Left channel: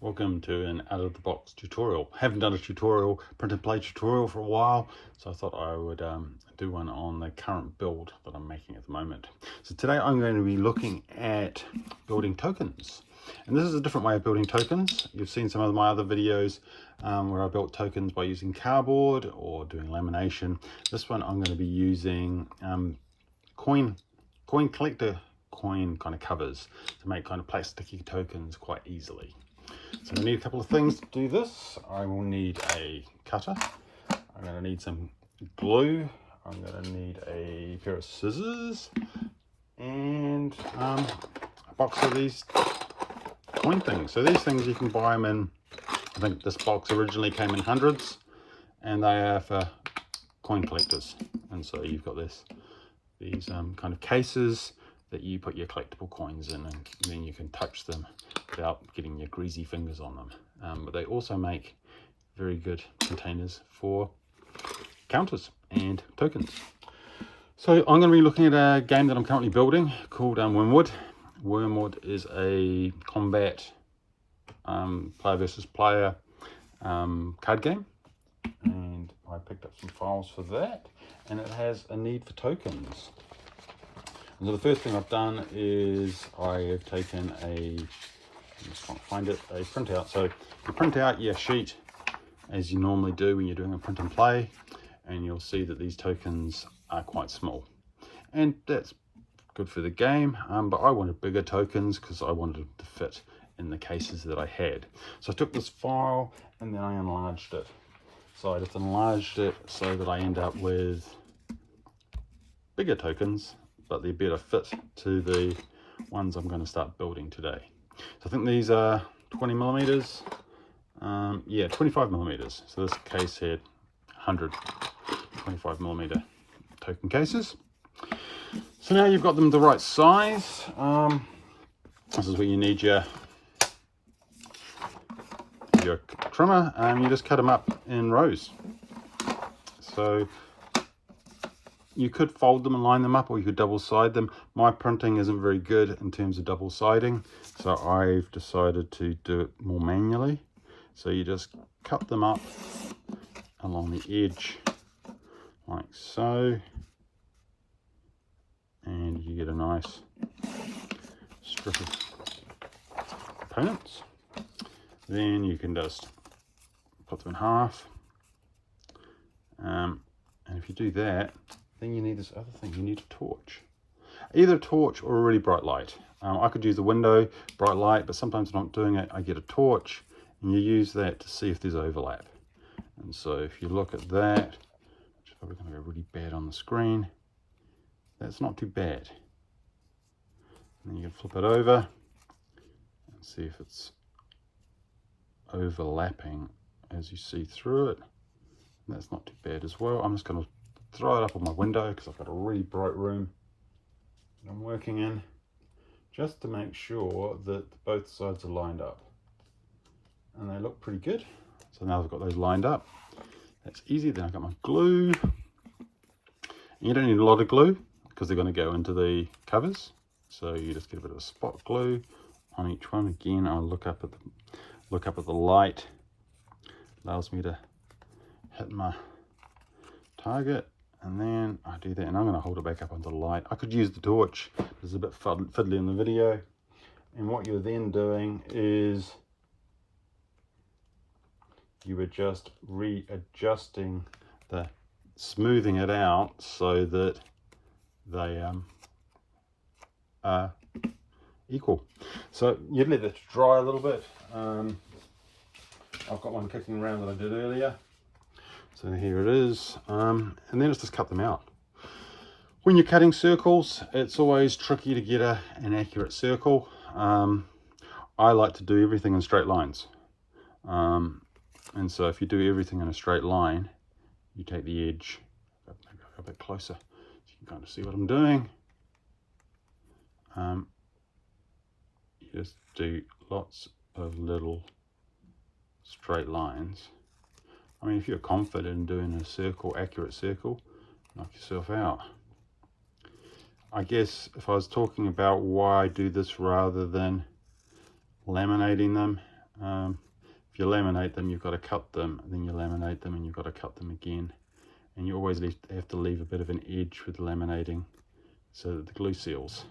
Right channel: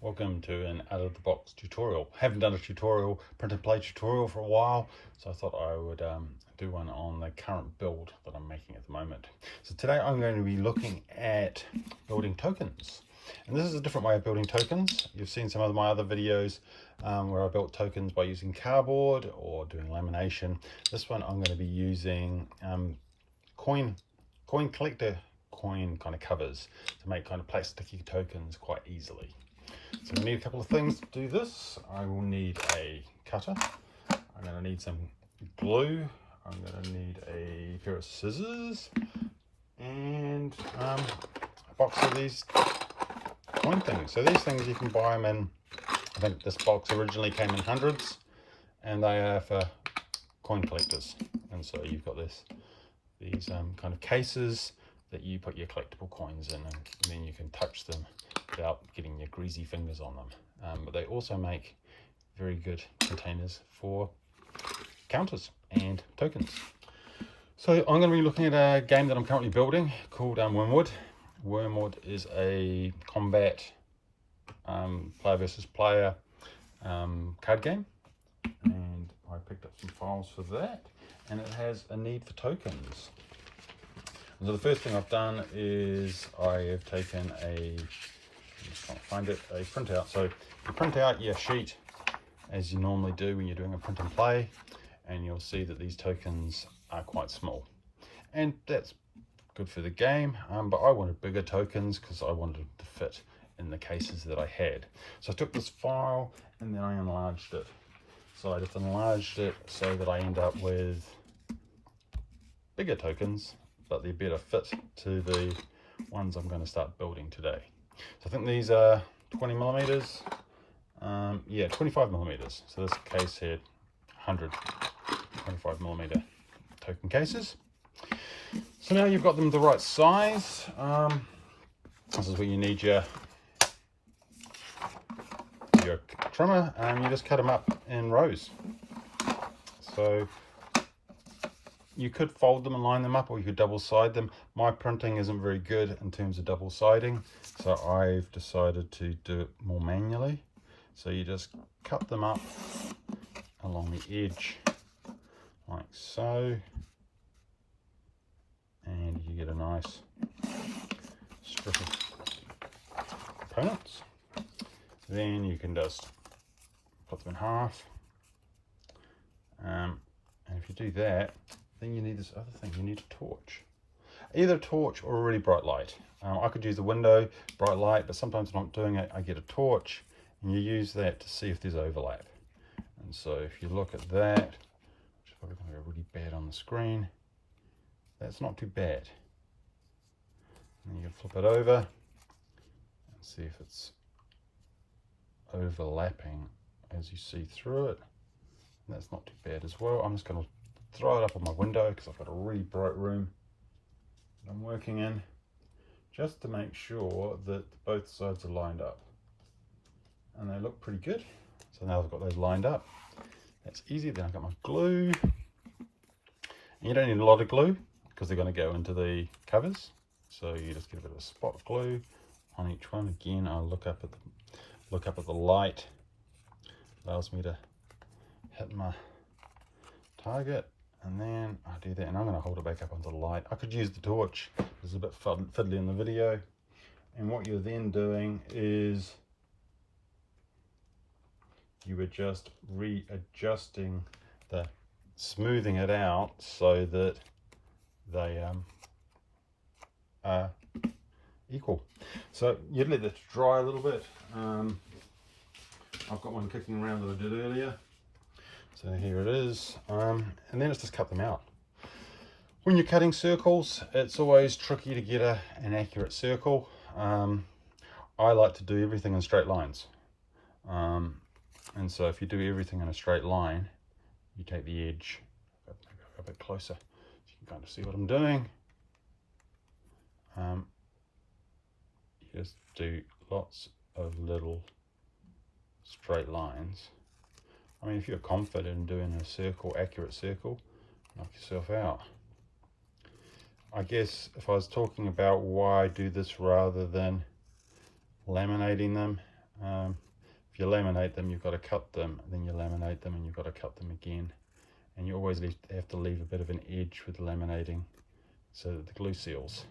Welcome to an out-of-the-box tutorial. Haven't done a tutorial, print and play tutorial for a while, so I thought I would do one on the current build that I'm making at the moment. So today I'm going to be looking at building tokens. And this is a different way of building tokens. You've seen some of my other videos where I built tokens by using cardboard or doing lamination. This one I'm going to be using coin collector coin kind of covers to make kind of plasticky tokens quite easily. So I need a couple of things to do this. I will need a cutter. I'm going to need some glue. I'm going to need a pair of scissors and a box of these coin things. So these things you can buy them in, I think this box originally came in hundreds, and they are for coin collectors. And so you've got these kind of cases that you put your collectible coins in, and then you can touch them without getting your greasy fingers on them. But they also make very good containers for counters and tokens. So I'm going to be looking at a game that I'm currently building called Wormwood. Wormwood is a combat player versus player card game, and I picked up some files for that, and it has a need for tokens. So the first thing I've done is I have taken a printout. So you print out your sheet as you normally do when you're doing a print and play, and you'll see that these tokens are quite small, and that's good for the game, but I wanted bigger tokens because I wanted them to fit in the cases that I had. So I took this file and then I enlarged it. So I just enlarged it so that I end up with bigger tokens, but they're better fit to the ones I'm going to start building today. So I think these are 20 millimeters. Yeah, 25 millimeters. So this case had 125 millimeter token cases. So now you've got them the right size. This is where you need your trimmer, and you just cut them up in rows. So you could fold them and line them up, or you could double side them. My printing isn't very good in terms of double siding, so I've decided to do it more manually. So you just cut them up along the edge like so, and you get a nice strip of components. Then you can just put them in half, and if you do that, then you need this other thing. You need a torch, either a torch or a really bright light. I could use the window bright light, but sometimes when I'm doing it, I get a torch, and you use that to see if there's overlap. And so if you look at that, which is probably going to go really bad on the screen, that's not too bad. And you can flip it over and see if it's overlapping as you see through it. And that's not too bad as well. I'm just going to throw it up on my window because I've got a really bright room that I'm working in, just to make sure that both sides are lined up, and they look pretty good. So now I've got those lined up, that's easy. Then I've got my glue, and you don't need a lot of glue because they're going to go into the covers, so you just get a bit of a spot glue on each one. Again, I'll look up at the light, allows me to hit my target, and then I do that, and I'm going to hold it back up under the light. I could use the torch, it's a bit fiddly in the video. And what you're then doing is you are just readjusting smoothing it out so that they are equal. So you let it dry a little bit. I've got one kicking around that I did earlier. So here it is, and then it's just cut them out. When you're cutting circles, it's always tricky to get an accurate circle. I like to do everything in straight lines. And so if you do everything in a straight line, you take the edge, maybe a bit closer so you can kind of see what I'm doing. You just do lots of little straight lines. I mean, if you're confident in doing a circle, accurate circle, knock yourself out. I guess if I was talking about why I do this rather than laminating them, If you laminate them, you've got to cut them, and then you laminate them and you've got to cut them again. And you always have to leave a bit of an edge with laminating so that the glue seals.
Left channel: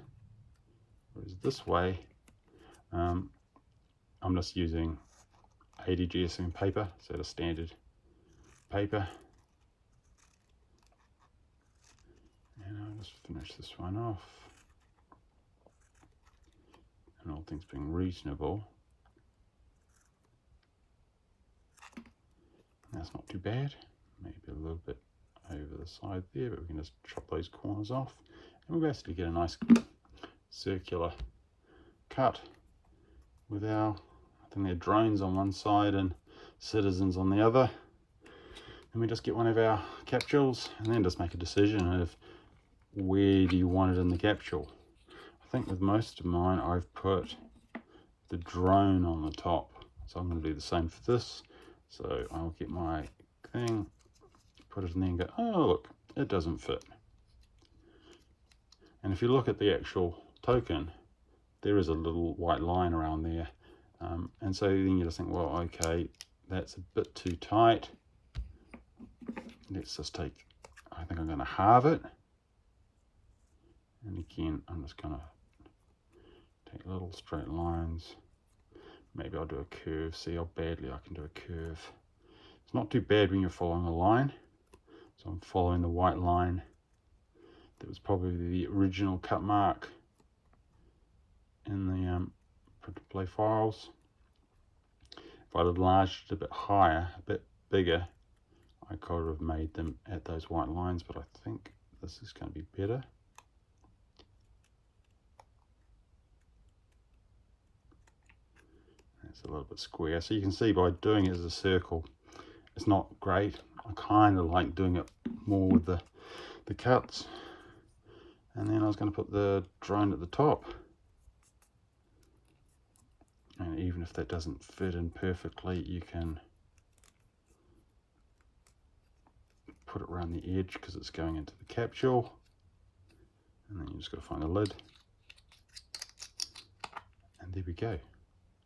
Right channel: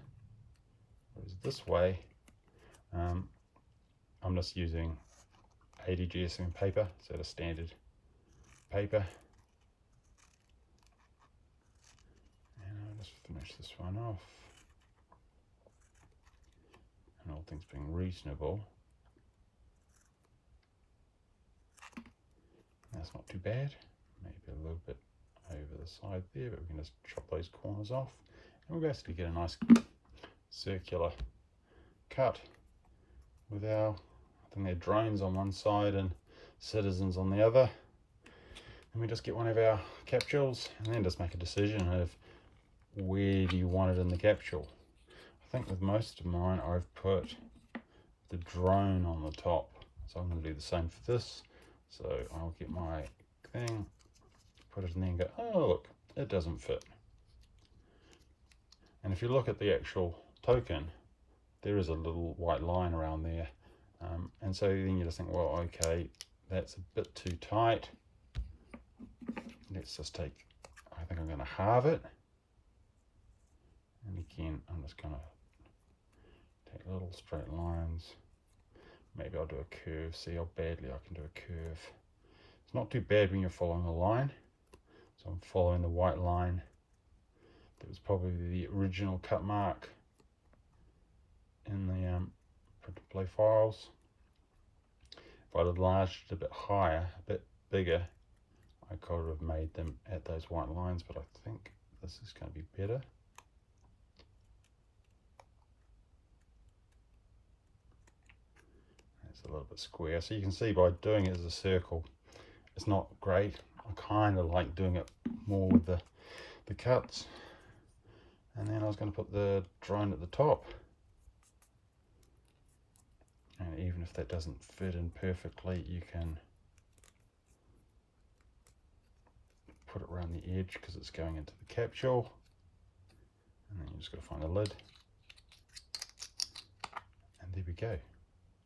Whereas this way, I'm just using 80 GSM paper, so the standard paper. And I'll just finish this one off. And all things being reasonable, that's not too bad. Maybe a little bit over the side there, but we can just chop those corners off, and we'll basically get a nice circular cut with our, I think they're drones on one side and citizens on the other. And we just get one of our capsules and then just make a decision of where do you want it in the capsule. I think with most of mine I've put the drone on the top, so I'm going to do the same for this. So I'll get my thing, put it in there and go, oh look, it doesn't fit. And if you look at the actual token, there is a little white line around there. And so then you just think, well, okay, that's a bit too tight. Let's just take, I think I'm going to halve it. And again, I'm just going to take little straight lines. Maybe I'll do a curve, see how badly I can do a curve. It's not too bad when you're following a line. So I'm following the white line. That was probably the original cut mark in the print and play files. If I'd enlarged it a bit higher, a bit bigger, I could have made them at those white lines, but I think this is going to be better. It's a little bit square, so you can see by doing it as a circle, it's not great. I kind of like doing it more with the cuts. And then I was going to put the drone at the top. And even if that doesn't fit in perfectly, you can put it around the edge because it's going into the capsule. And then you just got to find the lid. And there we go.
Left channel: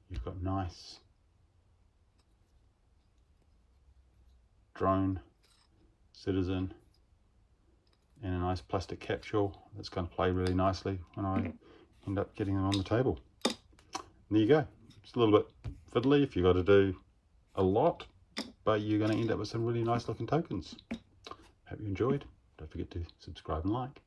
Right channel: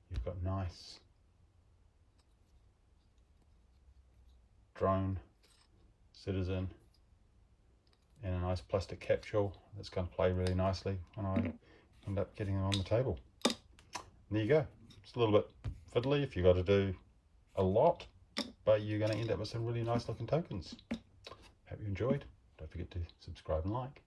You've got nice drone, citizen, and a nice plastic capsule that's going to play really nicely when I end up getting them on the table. And there you go. It's a little bit fiddly if you've got to do a lot, but you're going to end up with some really nice looking tokens. Hope you enjoyed. Don't forget to subscribe and like.